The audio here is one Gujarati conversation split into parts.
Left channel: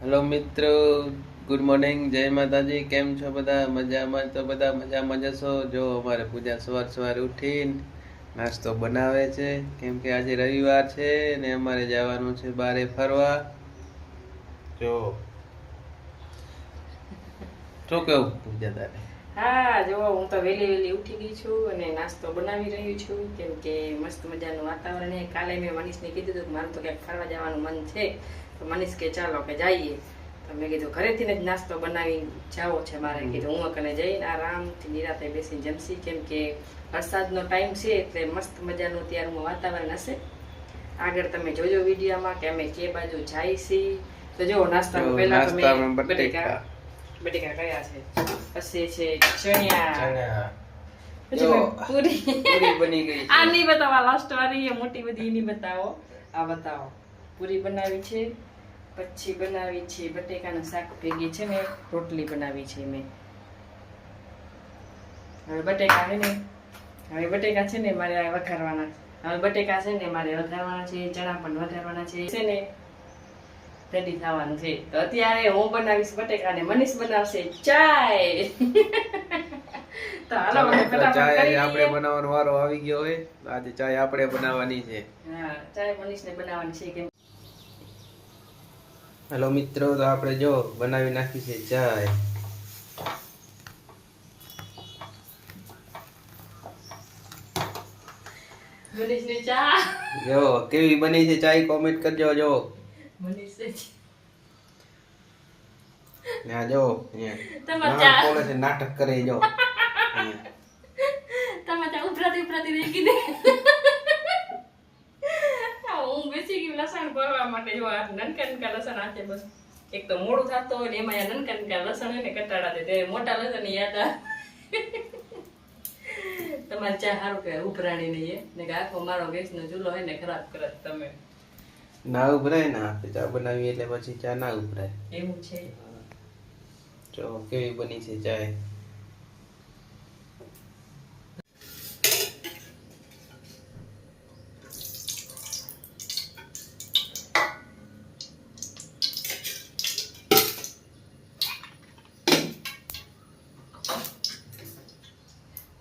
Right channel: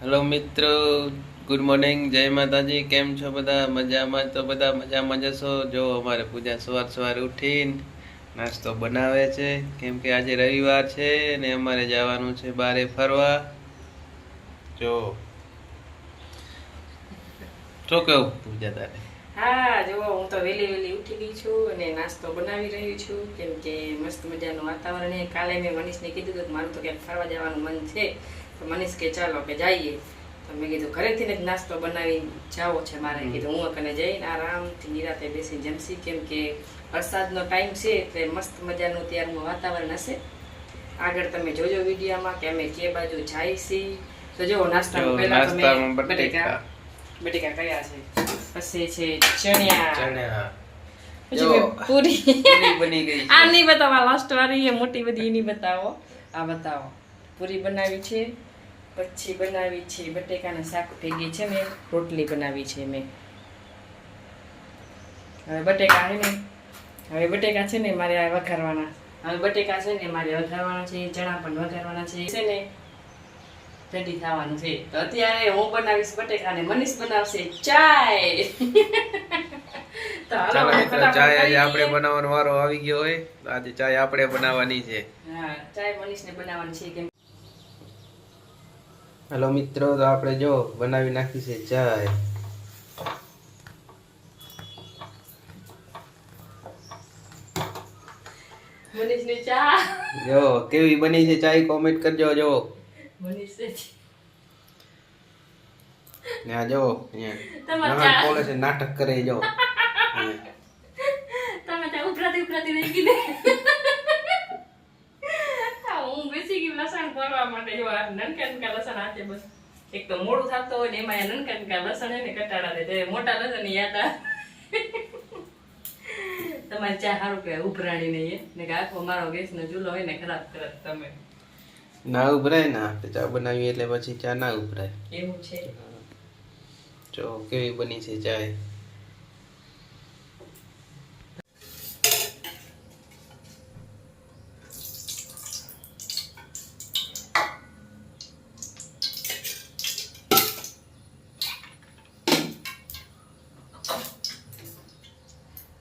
હેલો મિત્રો, ગુડ મોર્નિંગ, જય માતાજી. કેમ છો બધા? મજામાં? તો બધા મજામાં જશો. જો અમારે પૂજા સવારે ઉઠીને નાસ્તો બનાવે છે, કેમ કે આજે રવિવાર છે ને અમારે જવાનું છે બારે ફરવા. જો શું કેવું પૂજા તારે? હા, જો હું તો વહેલી ઉઠી ગઈ છું અને નાસ્તો બનાવી રહી છું, કેમ કે મસ્ત મજાનું વાતાવરણ છે. કાલે મેં મનીષને કીધું હતું કે મારું તો ક્યાંક ફરવા જવાનું મન છે, તો મનીષ કે ચાલો કે જઈએ. તો મેં કીધું ઘરેથી જ નાસ્તો બનાવી જાવો છે મારે. કીધું હું કને જઈને આરામથી નિરાતે બેસી જમશી, કેમ કે વરસાદનો ટાઈમ છે એટલે મસ્ત મજાનું ત્યારનું વાતાવરણ હશે. આગળ તમે જોજો વિડીયોમાં કે અમે કે બાજુ જાય છીએ. તો જો નાસ્તામાં પહેલા તો મેં બટેકા કયા છે, પછી છે ચણ્યા, પછી પૂરી બની ગઈ આ નહીં બતાવો, લાસ્ટ વાળી મોટી બધી નહીં બતાવો, આ બતાવો. પૂરી બનાવી છે, પછી બનાવી છે બટેકાના શાક ભેગી છે મેં રોટલી બનાવી છે મેં. હવે બટેકા છે ને મારે આ વઘારવાના. હવે બટેકા છે ને મારે વઘારવાના છે, ચણા પણ વઘારવાના છે ને રેડી થવાનું છે. તો અત્યારે હું બનાવીશ બટેકા અને મનીષ બનાવશે ચાય. તો હાલો ચાય આજે આપણે બનાવવાનો વારો આવી ગયો હોય. આજે ચાય આપણે બનાવવાની છે. હા, ચાય મનીષને બનાવવાની છે. કેમ હેલો મિત્રો, તો આપણે જો બનાવી નાખી છે ચાય. મનીષની ચા જો કેવી બની છે ચાય, કોમેન્ટ કરજો. જો મનીષ આ જો અહીંયા બોલે છે, નાટક કરે. જો તમે ચા ઉભરાતી રહી ગઈ ને. હું બેસી ગઈ લસણ ભરવા માટે. જો આ નનકા લસણ આતે બસ. એક તો મોડું થતો હોય ને એમાં નનકા લસણ એને કટાડા દે, તે મોટા લસણ ની યાદ આવે. તમારી ચા સારું કહેવાય ઉભરાણી નહીં ને કે આખો મારો ગેસ નો ચૂલો હોય ને ખરાબ કરત તમે. ના ઉભરાય ને, આપણે ચા બનાવીએ એટલે પછી ચા ના ઉભરાય. એવું છે. જો કેવી બની છે ચાય.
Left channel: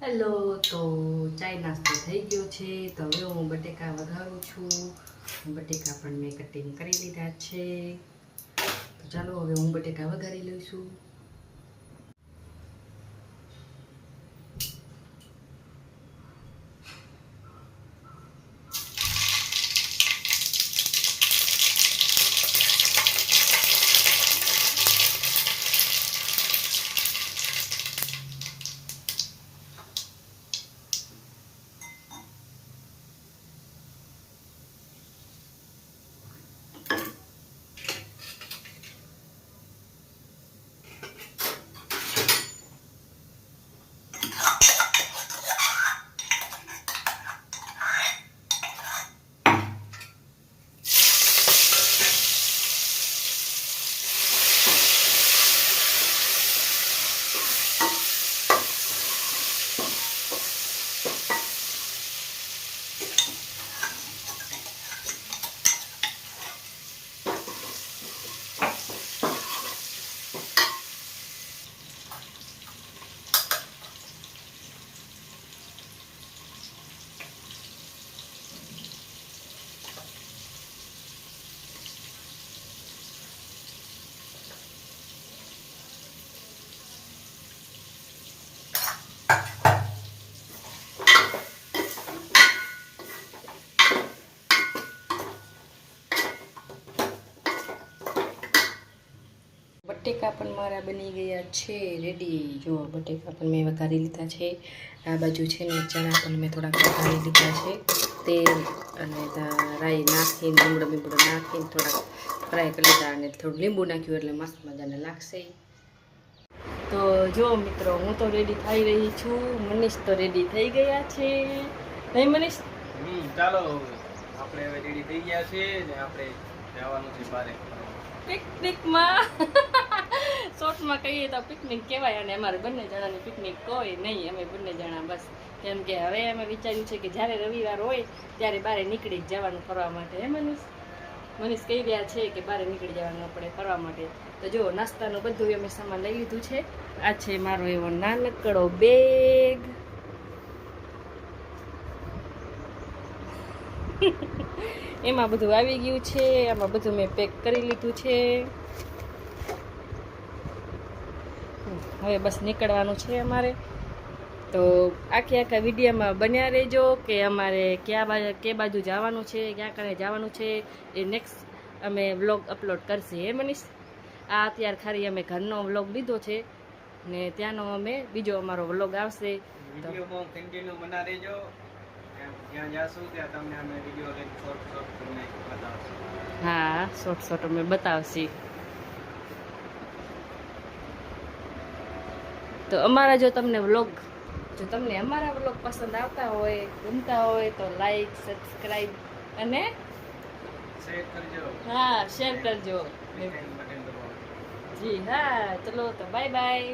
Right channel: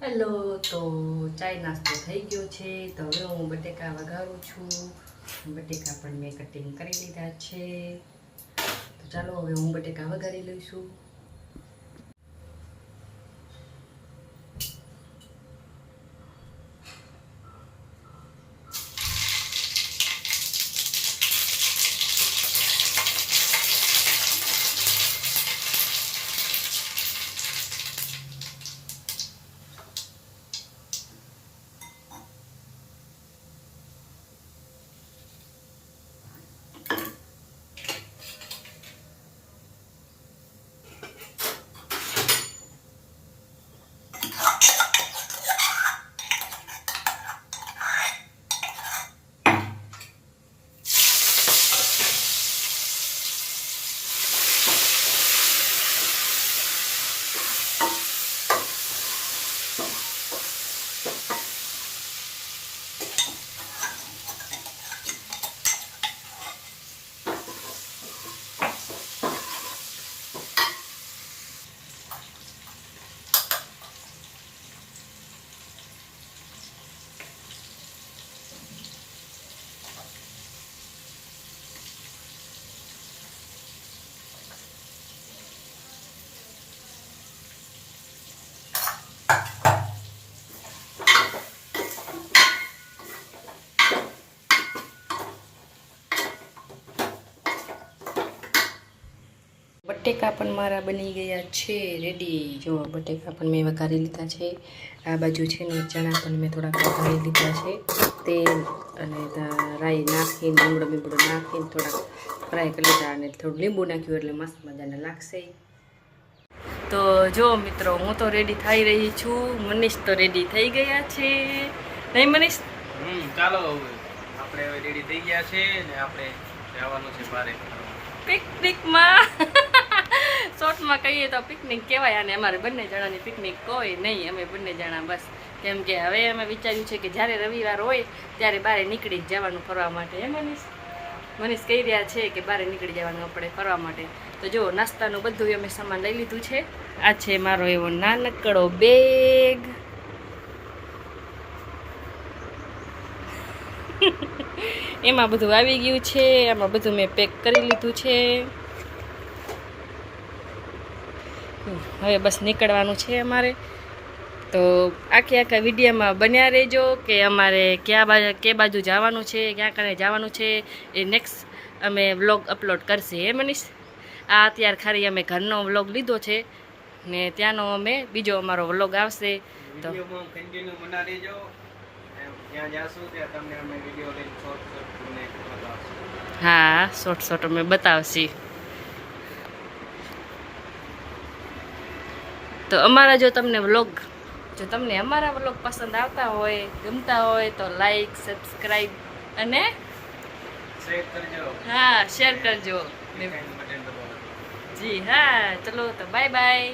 હેલો, તો ચાય નાસ્તો થઈ ગયો છે. તો હવે હું બટેકા વઘારું છું. બટેકા પણ મેં કટિંગ કરી લીધા છે. તો ચાલો હવે હું બટેકા વઘારી લઉં છું. બટેકા પણ મારા બની ગયા છે રેડી. જો બટેકા પણ મેં વઘારી લીધા છે. આ બાજુ છે ને ચણા પણ મેં થોડાક વઘારી લીધા છે. તેલ અને રાઈ નાખીને લીમડો નાખીને થોડાક ફ્રાય કરી લીધા અને થોડું લીંબુ નાખ્યું એટલે મસ્ત મજાને લાગશે. તો જો મિત્રો, હું તો રેડી થઈ રહી છું. મનીષ તો રેડી થઈ ગયા છે, નહીં મનીષ? ચાલો આપણે હવે રેડી થઈ ગયા છે ને આપણે જવાનું છે બારે પિકનિકમાં. શોર્ટમાં કહીએ તો પિકનિક કહેવાય અને અમારે બંને જણાની પિકનિક કોઈ નહીં, અમે બંને જણા બસ. કેમ કે હવે અમે વિચાર્યું છે કે જ્યારે રવિવાર હોય ત્યારે બહાર નીકળી જ જવાનું ફરવા માટે. એમ મનીષ? મનીષ કહી રહ્યા છે કે બહાર નીકળી જવાનું આપણે ફરવા માટે. તો જો નાસ્તાનું બધું અમે સામાન લઈ લીધું છે. આ છે મારો એવો નાનકડો બેગ. એમાં બધું આવી ગયું છે. આમાં બધું મેં પેક કરી લીધું છે. હવે બસ નીકળવાનું છે અમારે. તો આખા વિડીયોમાં બન્યા રહેજો કે અમારે કે બાજુ જવાનું છે, ક્યાં કને જવાનું છે. એ નેક્સ્ટ અમે વ્લોગ અપલોડ કરશે. હે મનીષ? આ અત્યારે ખાલી અમે ઘરનો વ્લોગ લીધો છે ને ત્યાંનો અમે બીજો અમારો વ્લોગ આવશે. તો કન્ટિન્યુ બના રહેજો. ત્યાં જાશું ત્યાં તમને અમે વિડીયો લઈને શોર્ટ તમને બતાવશું. હા, શોર્ટ અમે બતાવશી. તો અમારા જો તમને અમારા વ્લોગ પસંદ આવતા હોય, ગમતા હોય તો લાઈક, સબસ્ક્રાઈબ અને શેર કરજો. હા, શેર કરજો. બટન દબાવો. જી હા, ચલો તો બાય બાય.